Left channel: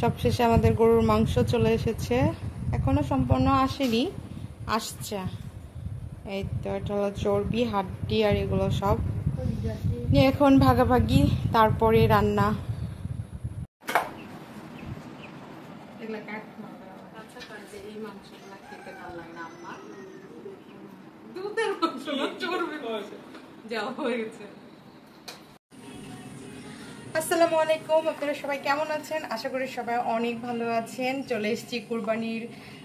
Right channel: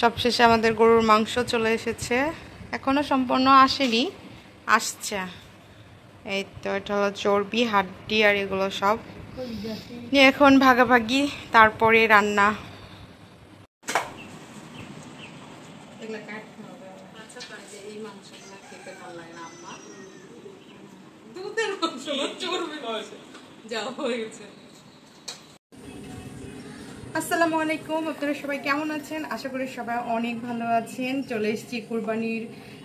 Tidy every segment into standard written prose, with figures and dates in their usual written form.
সবশেষে আমাদের গরুর মাংস চলে এসেছে, এখনো সম্পূর্ণ আসেনি, আসছে। এই তো এটা হলো চর্বি, হাড্ডি আর এগুলো সব নিয়ে এখন ভাগাভাগি, তারপরে রান্না। আসসালামু আলাইকুম, আপনারা সবাই কেমন আছেন? আশা করি সবাই অনেক ভালো আছেন। চলে এসেছি কুরবানির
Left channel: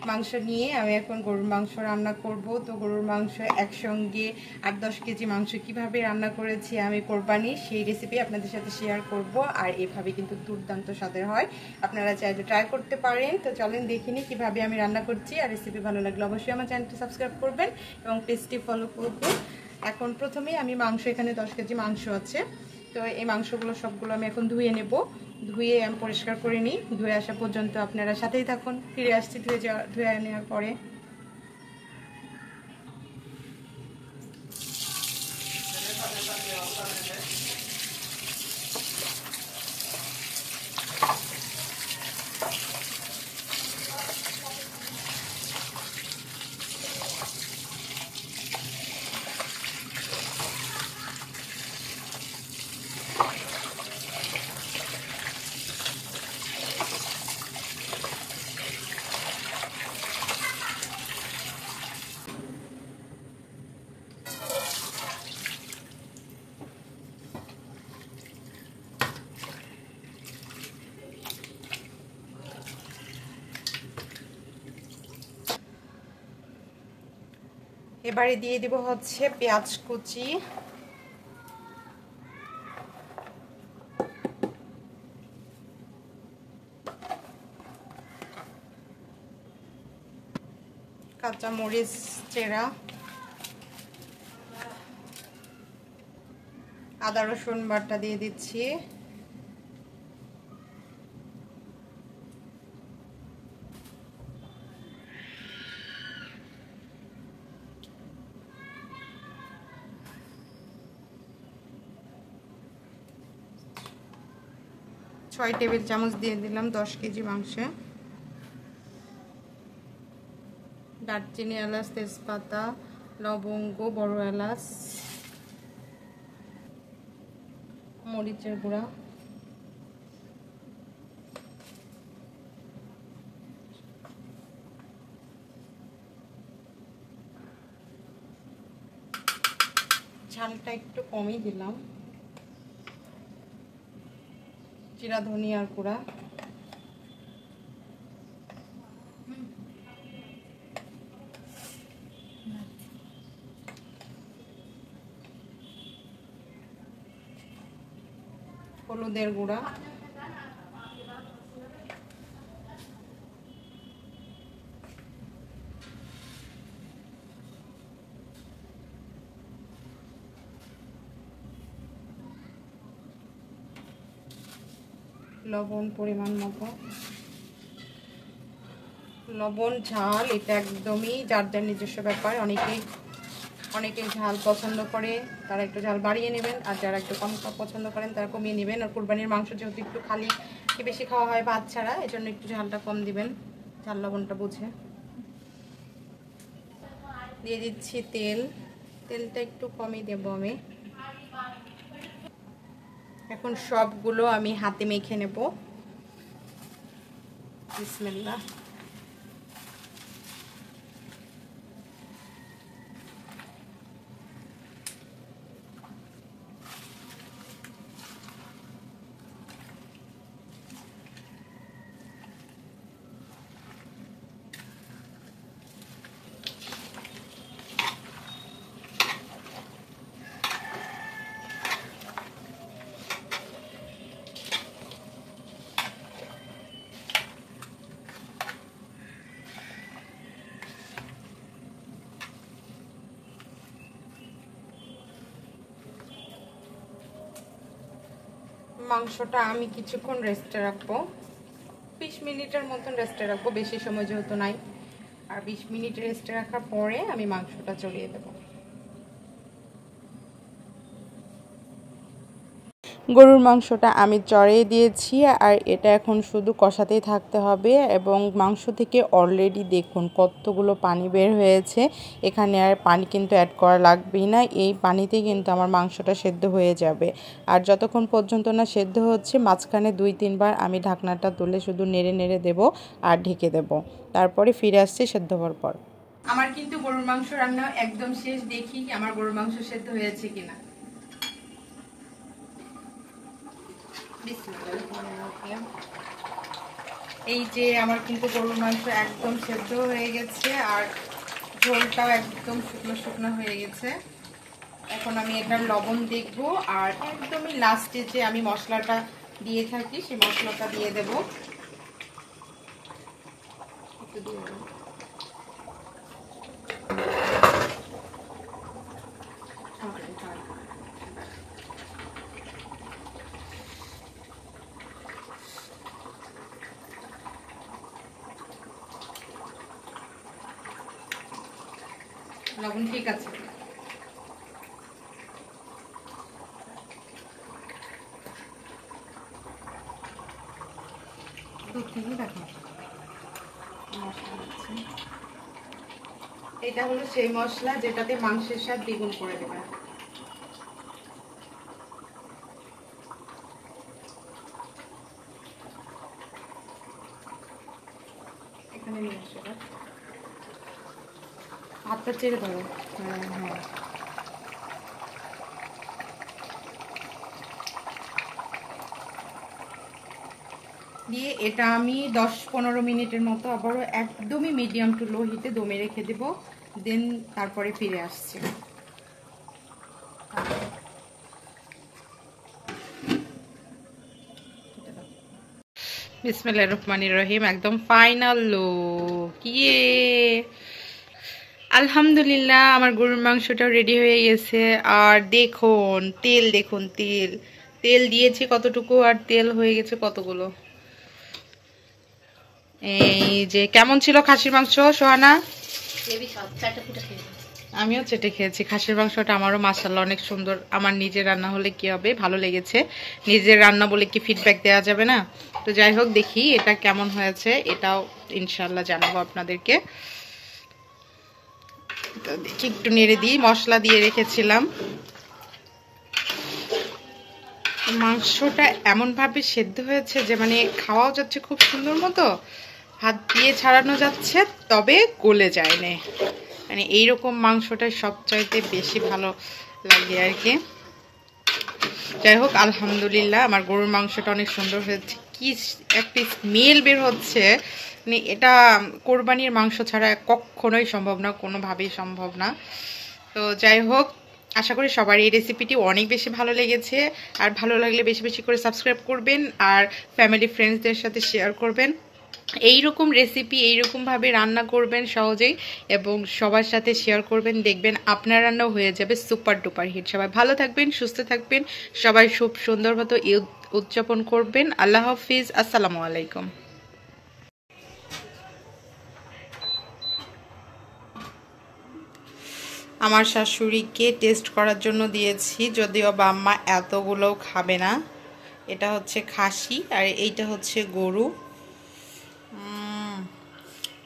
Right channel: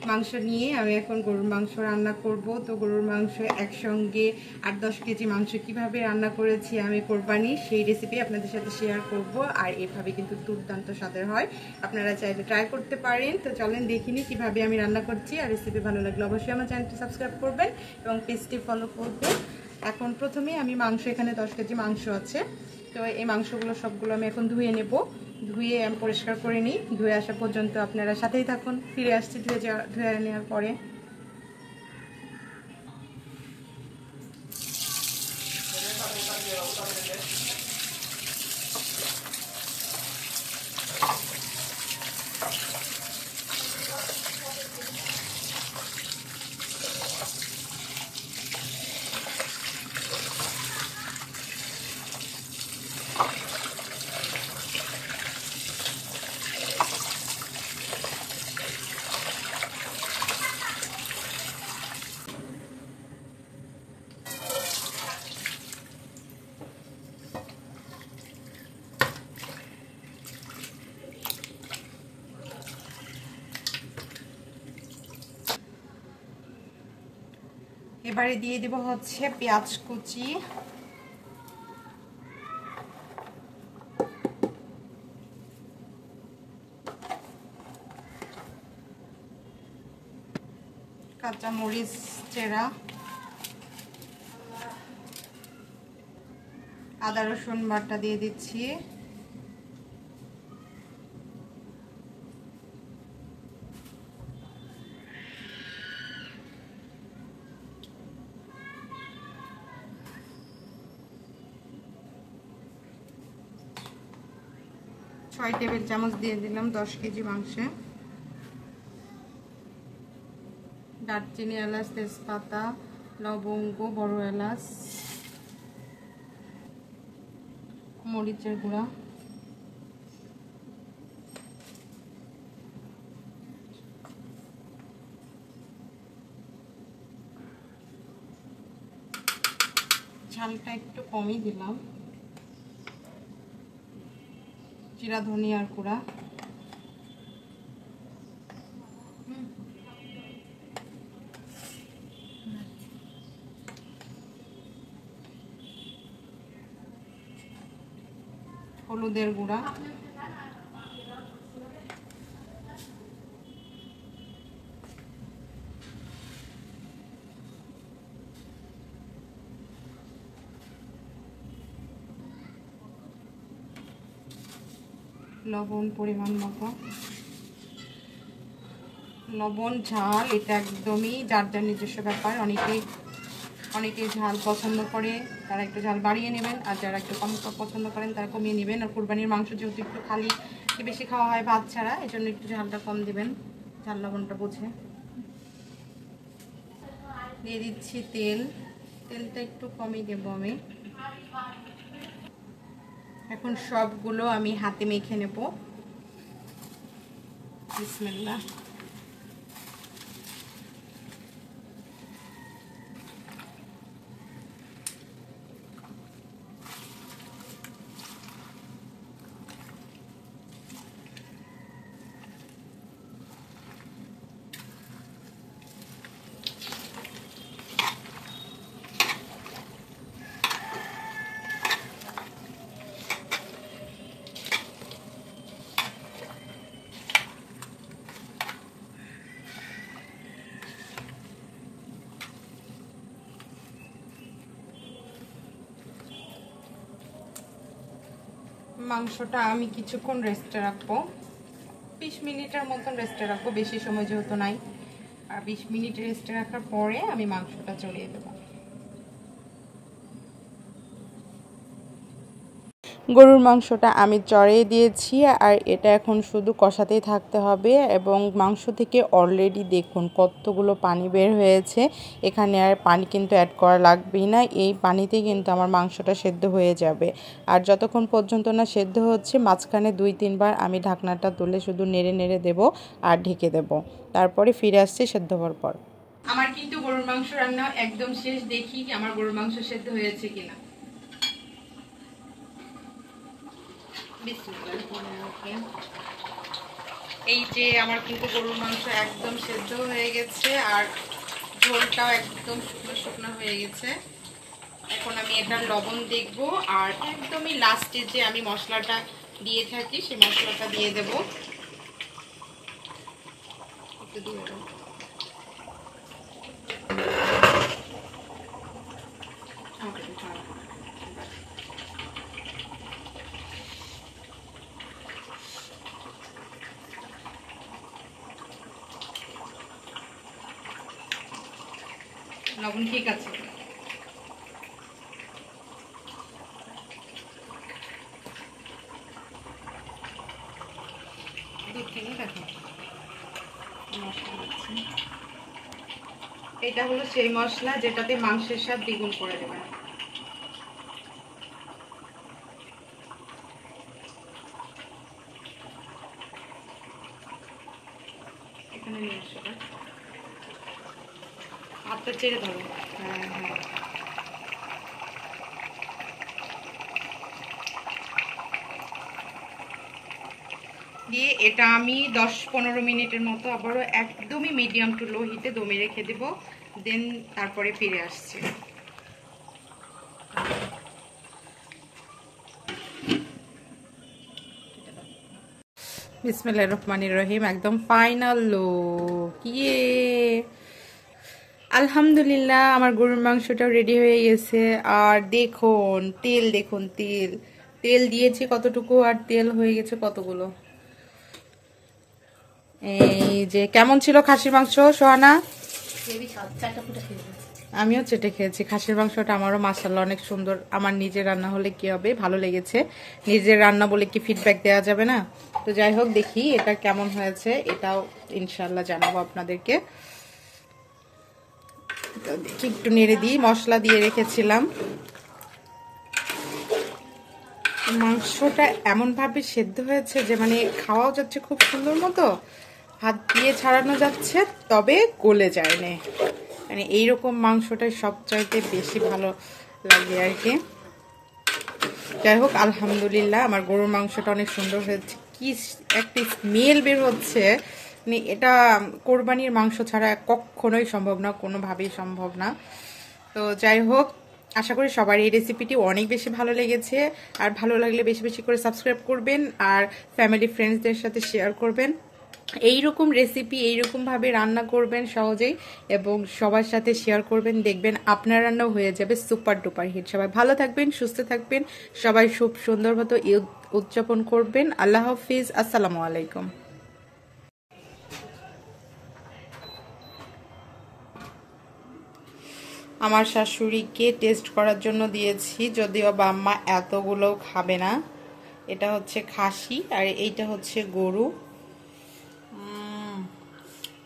মাংস নিয়ে। আমি এখন গরুর মাংস রান্না করব। তো গরুর মাংস একসঙ্গে 8-10 কেজি মাংস কিভাবে রান্না করেছি আমি কোরবানি, সেই রেসিপি আপনাদের সাথে শেয়ার করব। আর এভাবে কিন্তু দুর্দান্ত স্বাদের হয়, আপনারা চাইলে ট্রাই করতে পারেন। তো চলেন দেখিনি কিভাবে আমি রান্না করছি। আর রেসিপি ভালো লাগলে অবশ্যই আমার চ্যানেলটি সাবস্ক্রাইব করবেন এবং পেজটি ফলো করবেন। এখন প্রথমেই আমি মাংস, এখানে 10 কেজি মাংস আছে। তো এই মাংসগুলো সবগুলো আমি এখন ধুয়ে নেব। ধুয়ে আমি পরিষ্কার করে নিই। ধুয়ে আসা পর্যন্ত আপনারা সাথেই থাকুন, ফিরে আসছি ধুয়ে নেওয়ার পরে। এবারে দিয়ে দেব হচ্ছে পেঁয়াজ কুচি, কাঁচামরিচ চেরা, আদা রসুন বাটা দিয়ে দিচ্ছি, ছয় টেবিল চামচ দিয়ে দিলাম 10 কেজি মাংসে। দারচিনি, এলাচ, তেজপাতা, লবঙ্গ, বড় এলাচ, মরিচের গুঁড়া, ঝালটা একটু কমই দিলাম, জিরা ধনিয়ার গুঁড়া, হলুদের গুঁড়া, লবণ পরিমাণ মতো। লবণ ঝাল এটা একদমই যার যার নিজস্ব ব্যাপার। অনেকেই ঝাল পছন্দ করে, তারা একটু ঝাল বাড়িয়ে নেবেন, আর যারা একটু কম পছন্দ করেন তারা কমিয়ে নেবেন। আর কুরবানির মাংস যেহেতু একটু খালি বেশি খাওয়া হয় ভাত ছাড়া, এই জন্য একটু ঝালটা কম দিবেন, ঝাল লবণটা বুঝে। দিয়ে দিচ্ছি তেলটা একটু কমই দেব আমি। এখন সবগুলো আমি হাতে মেখে নেব। বিসমিল্লাহ। মাংসটা আমি কিছুক্ষণ রেস্টে রাখবো, 20 মিনিটের মতন রেস্টে রাখবো, বেশি সময় যেহেতু নাই। আর 20 মিনিট রেস্টে রাখার পরে আমি মাংসটা চড়িয়ে দেবো। গরুর মাংসটা আমি চড়িয়ে দিয়েছি আর এটা এখন শুধু কষাতেই থাকতে হবে এবং মাংস থেকে অলরেডি দেখুন কতগুলো পানি বের হয়েছে। এখানে আর পানি কিন্তু অ্যাড করা লাগবেই না, এই পানিতেই কিন্তু আমার মাংসটা সেদ্ধ হয়ে যাবে। আর যতক্ষণ পর্যন্ত না সেদ্ধ হচ্ছে মাঝখানে 2-3 বার আমি ঢাকনাটা তুলে শুধু নেড়ে নেড়ে দেব আর ঢেকে দেব, তারপরে ফিরে আসছে সেদ্ধ হওয়ার পর। আমার কিন্তু গরুর মাংস রান্না একদম শেষ, দেখি আমার গরুর মাংস সেদ্ধ হয়েছে কিনা। এই যে আমার কিন্তু গরুর মাংস একদম সেদ্ধ হয়ে গেছে আর ঝোলটাও একদম শুকনো শুকনো হয়ে গেছে। এখন আমি এটার লবণ দেখবো আর একদমই লাস্টে যে আমি মশলাটা দিয়ে থাকি সেই মশলাটা দিয়ে দেবো। লবণ ঠিক আছে। এটা হলো সেই মশলা যেটাতে মাংসের স্বাদ দ্বিগুণ করে দেবে। এখানে নিয়ে আসো, হাতটা ছেড়ে দেবো। হ্যাঁ হ্যাঁ, দিয়ে এটা আমি 10-15 মিনিটের মতো আবারও একদমই মিডিয়াম টু লো হিটে দমে রেখে দেবো, দেন তারপরে ফিরে আসছি। বিসমিল্লাহির রহমানির রহিম, একদম ফাইনাল লুক। আলহামদুলিল্লাহ আমার গরুর মাংসটাও রেডি হয়ে গেছে। আর দেখুন তেল, দেখুন তেল তেল দিয়েছি কতটুকু আর তেল হয়ে গেছে কতগুলো। এই যে কেমন ছিল খাসির মাংস সোহানা? আমিও চেটে খেয়েছি খাসির মাংসটা, আমারও মাশাআল্লাহ অনেক সুন্দর। আমার নিজের রান্না হলে কি হবে, ভালো লেগেছে। নিজের রান্না বলে কি ফিডব্যাক দেওয়া যাবে না? তো যাই হোক, দেখি এটা কেমন হয়েছে, এটাও ইনশাআল্লাহ জানাবো আপনাদেরকে। তো দেখি একটু নেড়ে দিই, মশলা দিয়ে রেখেছিলাম। মাংসটা এমনভাবে সেদ্ধ হয়েছে যে মানে খাওয়াও যাচ্ছে খুব সুন্দর মতো, হাত দিয়ে ছাড়ানো যাচ্ছে, তবে গলে যায় না। মানে এইরকম মাংসটাই সবচাইতে বেশি ভালো লাগে আর কি। যাই হোক আলহামদুলিল্লাহ আমার গরুর মাংসটা অনেক সুন্দর হয়েছে। কি একটা স্মেল বের হচ্ছে, মানে এটা কোরবানির মাংস ছাড়া কখনোই সম্ভব না, কোনোভাবেই সম্ভব না। তো যাই হোক, আশা করি সবার এই রেসিপিটি অনেক বেশি ভালো লেগেছে। আর ভালো লাগলে বেশি বেশি করে সাবস্ক্রাইব করবেন আর ফ্যামিলি ফ্রেন্ডসদের সাথে শেয়ার করবেন। এইরকম রেসিপি এইরকমভাবে রান্না করবেন সহজেই এবং সবার সাথে শেয়ার করবেন, দেখবেন আপনার রান্নাও হয়ে যাবে সুপার ডুপার হিট। সবাই ভালো থাকবেন, সুস্থ থাকবেন, সবাই খুব সুন্দর মতো ঈদ উদযাপন করবেন। আল্লাহ হাফিজ, আসসালামু আলাইকুম। আমার শাশুড়িকে টেস্ট করার জন্য দিয়েছি, যদিও বাম্মা এতগুলোও খাবে না। এটা হচ্ছে খাসি আর এইটা হচ্ছে গরু।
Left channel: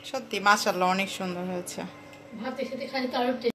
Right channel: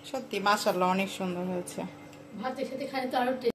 সত্যি মাশাআল্লাহ অনেক সুন্দর হয়েছে।